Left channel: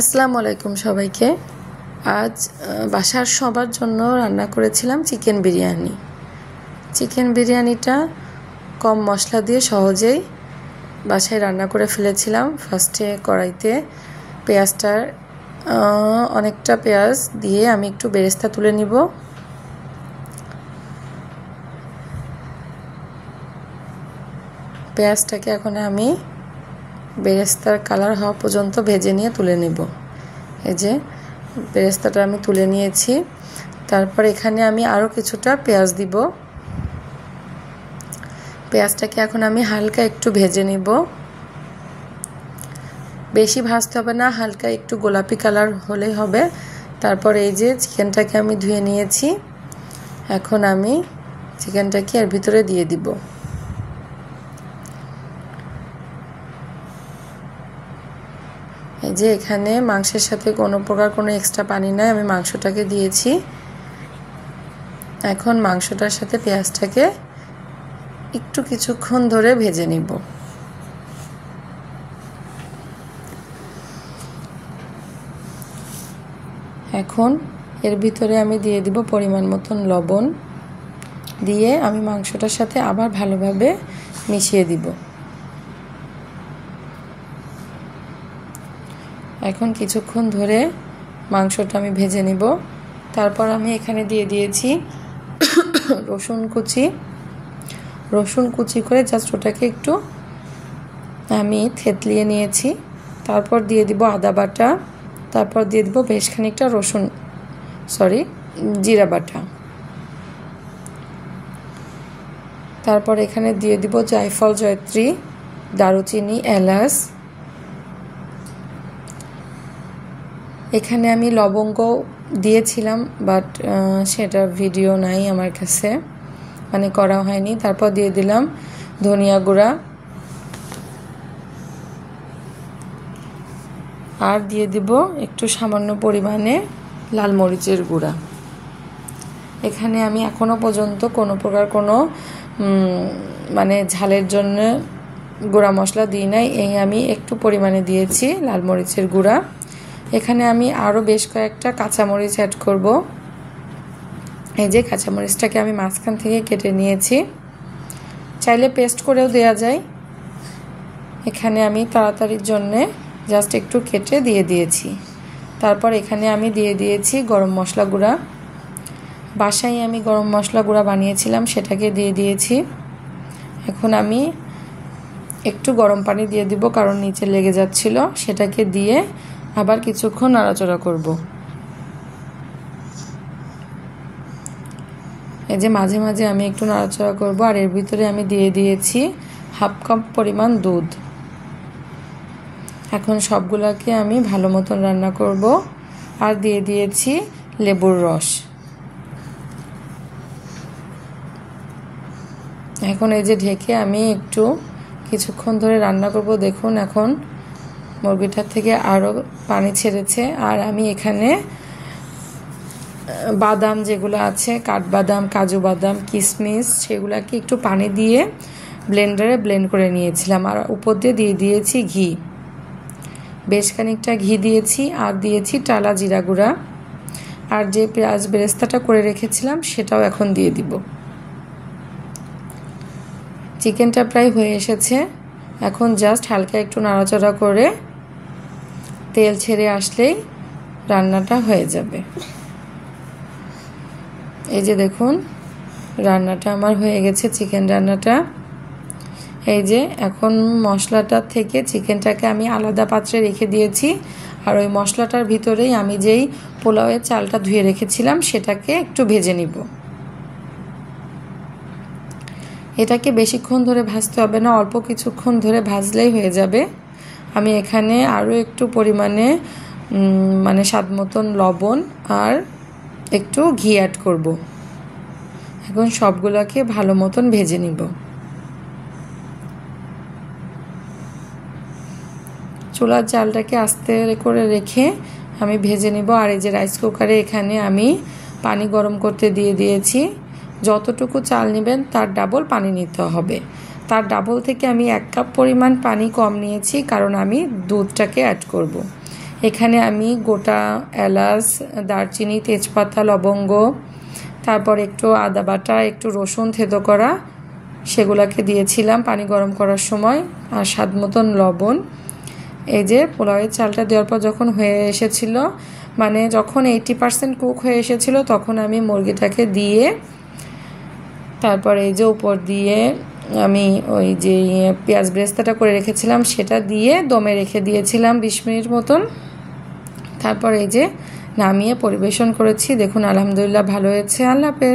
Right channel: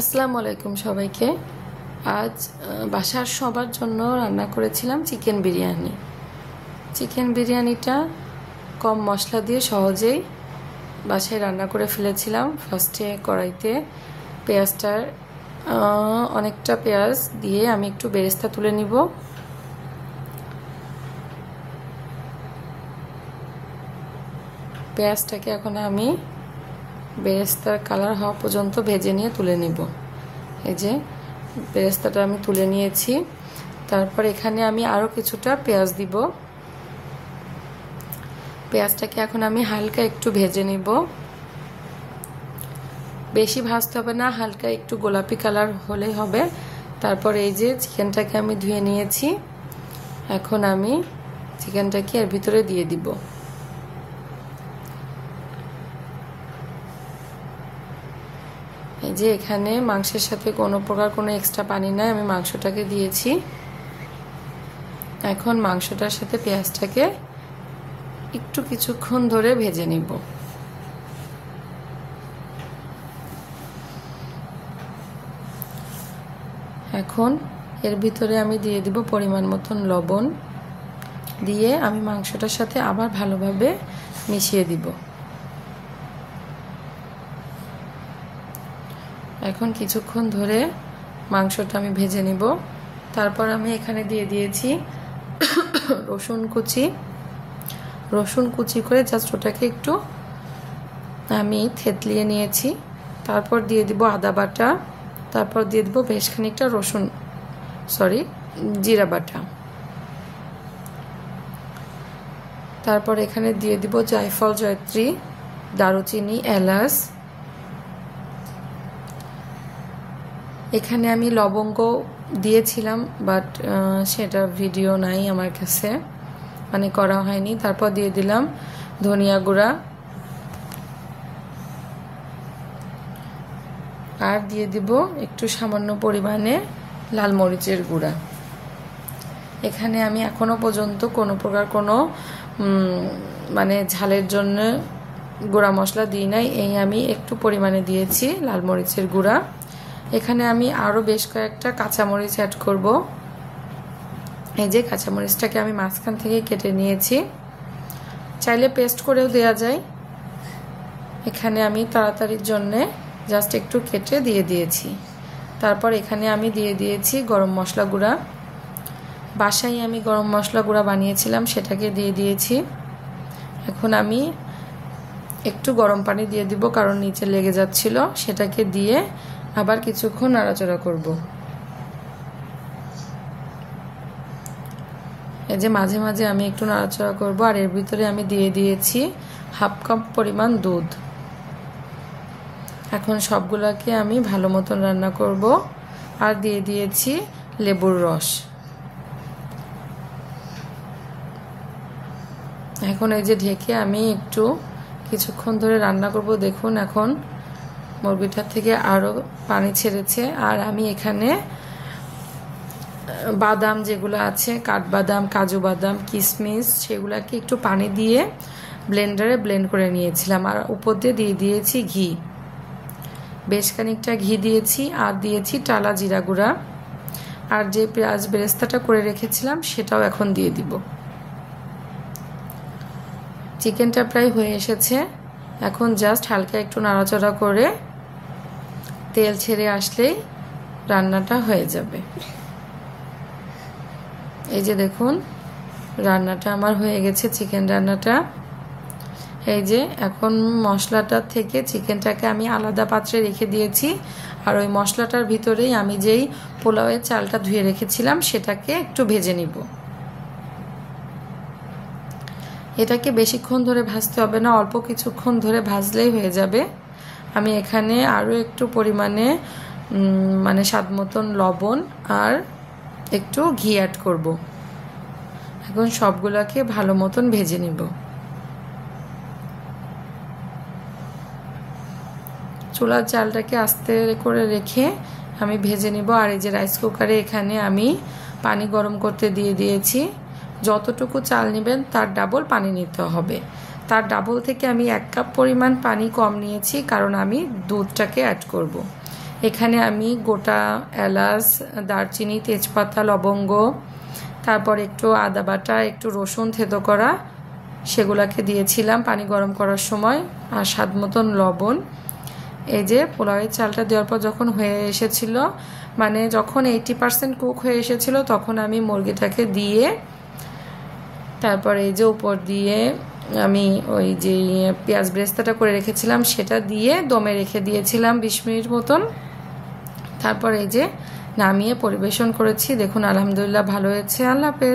আসসালামু আলাইকুম সবাইকে। আজ বাসার সবার জন্য রান্না করেছিলাম চিকেন বিরিয়ানি। চিকেন বিরিয়ানিটা কম মশলা দিয়ে সহজেই বাসায় রান্না করে ফেলেছিলাম। ফার্স্টে কড়াইতে পেঁয়াজটার অনেকটা পেঁয়াজ দিয়ে আমি একটু বেরেস্তা তুলে নিব। পেঁয়াজটাকে এখন আমি বেরেস্তার কালার হওয়া পর্যন্ত ভেজে নিয়ে তুলে নেব। এই যে বেরেস্তাটা আমি তুলে নিয়েছি। তারপর এখানে আমি আরও কিছুটা পেঁয়াজ দিব। পেঁয়াজটাকে এখন আমি হালকা একটু ভেজে নিব, বেশি ভাজতে হবে না, হালকা একটু গোলাপি কালার হলে হবে। তারপর এই যে চিকেনটাকে আমি ধুয়ে নিয়েছি, এখন আমি চিকেনটাকে এর ভিতরে দিয়ে দিব। এই যে এখানে মাংসের সাথে কোনো প্রকার কোনো এক্সট্রা পানি নাই, আমি মাংসটাকে দিয়েছি। এখন মাংসটার সাথে পেঁয়াজটাকে একটু কিছুক্ষণ ধরে ভেজে নিব। এখন এর ভিতরে আমি দিয়ে দিব পরিমাণ মতন লবণ, দিয়ে আমি মাংসটার সাথে আবার ভালোভাবে মিশিয়ে দিব। এখন কিছুক্ষণ ধরে মাংসটা আমি ভেজে নিব। তারপর আমি এখানে দিয়ে দিয়েছি রসুন কুচি করে জাস্ট ওটাকে একটু আমি থেতলিয়ে নিয়েছি। তারপর দিয়ে দিব আদা বাটা, তারপর দিয়ে দিব বেশ খানিকটা জিরা বাটা। তারপর এখানে দিয়ে দিব জায়ফল, জয়ত্রী, দারুচিনি, এলাচ। এখানে আমি লবঙ্গ দিয়েছিলাম, বাট সেটা ভিডিও নাই আমার কাছে, মানে করা হয়নি। তারপর দিয়ে দিলাম ধনিয়া গুঁড়া, আর দিয়ে দিব একটু সামান্য পরিমাণে লাল মরিচের গুঁড়া। এখানে আমি এখনো পর্যন্ত কোনো প্রকার কোনো মানে ঝালের জন্য গুঁড়া মশলা দিই নাই, এই আমি একটু পরিমাণে দিয়েছি লাল মরিচের গুঁড়া। এখানে আমি আরও বেশ কয়েকটা কাঁচামরিচ অ্যাড করব। এই যে কাঁচামরিচটাকে আমি মাঝখান থেকে কেটে নিয়েছি, চাইলে পেস্ট করেও দেওয়া যায়। এখানে আমি তাড়াতাড়ির জন্যে জাস্ট একটু কেটে দিয়ে দিয়েছি। তারপর এখানে আমি দিয়ে দিয়েছি গরম মশলা গুঁড়া। বাসায় আমি গরম মশলা গুঁড়া বানিয়েছিলাম, সেটাকে দিয়ে দিয়েছি। এখন আমি একটু গরম পানি দিয়ে দিব, কারণ নিচে লেগে যাচ্ছিল। সেটাকে দিয়ে আবার কিছুক্ষণ নাড়াচাড়া করব। এই যে মাঝে মাঝে আমি একটু নাড়াচাড়া করব। আর এর ভিতরে আমি দিয়ে দিয়েছি হাফ কাপ পরিমাণ দুধ। এখন সবগুলোকে আমি ভালো মতন রান্না করব। আর দিয়ে দিয়েছি লেবুর রস। এখন এই যে ঢেকে আমি একটু কিছুক্ষণ ধরে রান্না করব। দেখুন এখন মুরগিটার থেকে আরও পানি ছেড়েছে। আর আমি এখানে বাদাম যেগুলো আছে, কাঠবাদাম, কাজু বাদাম, কিশমিশ, সেগুলোকে একটু পানি দিয়ে ব্লেন্ডারে ব্লেন্ড করে নিয়েছিলাম। আর উপর দিয়ে দিয়েছি ঘি, বেশ খানিকটা ঘি দিয়েছি। আর দিয়েছি টালা জিরা গুঁড়া। আর যে পেঁয়াজ বেরেস্তাটা করে রেখেছিলাম সেটাও এখন দিয়ে দিব। চিকেনটা প্রায় হয়ে এসেছে, এখন জাস্ট হালকা একটু নাড়াচাড়া করে তেল ছেড়ে আসলেই রান্নাটা হয়ে যাবে। এই যে দেখুন রান্নাটা আমার হয়ে গেছে, চিকেন রান্নাটা। এই যে এখন মশলাটা থেকে চিকেনটাকে আমি আলাদা পাত্রে রেখে দিয়েছি। আর ওই মশলাটার ভিতরেই আমি যেই পোলাওয়ের চালটা ধুয়ে রেখেছিলাম সেটাকে একটু ভেজে নিব। এটাকে বেশিক্ষণ ধরে ভাজতে হবে না, অল্প কিছুক্ষণ ধরে ভাজলেই হয়ে যাবে। আমি এখানে আরও একটু পরিমাণে মানে স্বাদ মতন লবণ আর একটু ঘি অ্যাড করব। এখন সবগুলোকে ভালো মতন ভেজে নিব। চুলার জালটাকে আস্তে করে রেখে আমি ভেজে নিব। আর এই যে রাইস কুকারে এখানে আমি পানি গরম করতে দিয়ে দিয়েছি। যতটুকু চাল নেবেন তার ডাবল পানি নিতে হবে। তার ডাবল থেকে আমি 1 কাপ পরিমাণ পানি কম নিয়েছি, কারণ আমি দুধটাকে অ্যাড করব। এখানে আমি গোটা এলাচ, দারচিনি, তেজপাতা, লবঙ্গ, তারপর একটু আদা বাটা, একটু রসুন থেতো করা, সেগুলোকে দিয়েছিলাম পানি গরম করার সময়, আর স্বাদ মতন লবণ। এই যে পোলাওয়ের চালটা দেওয়ার পর যখন হয়ে এসেছিল, মানে যখন 80% কুক হয়ে এসেছিল, তখন আমি মুরগিটাকে দিয়ে তারপর এই যে উপর দিয়ে আমি ওই যে পেঁয়াজ ব্রেস্তাটা করে রেখেছিলাম সেটা দিয়ে দমে রেখে দিয়েছিলাম 20 মিনিট মতন। তারপর এই যে নামিয়ে পরিবেশন করেছি। দেখুন আলহামদুলিল্লাহ ভালো হয়েছে। আল্লাহ হাফেজ।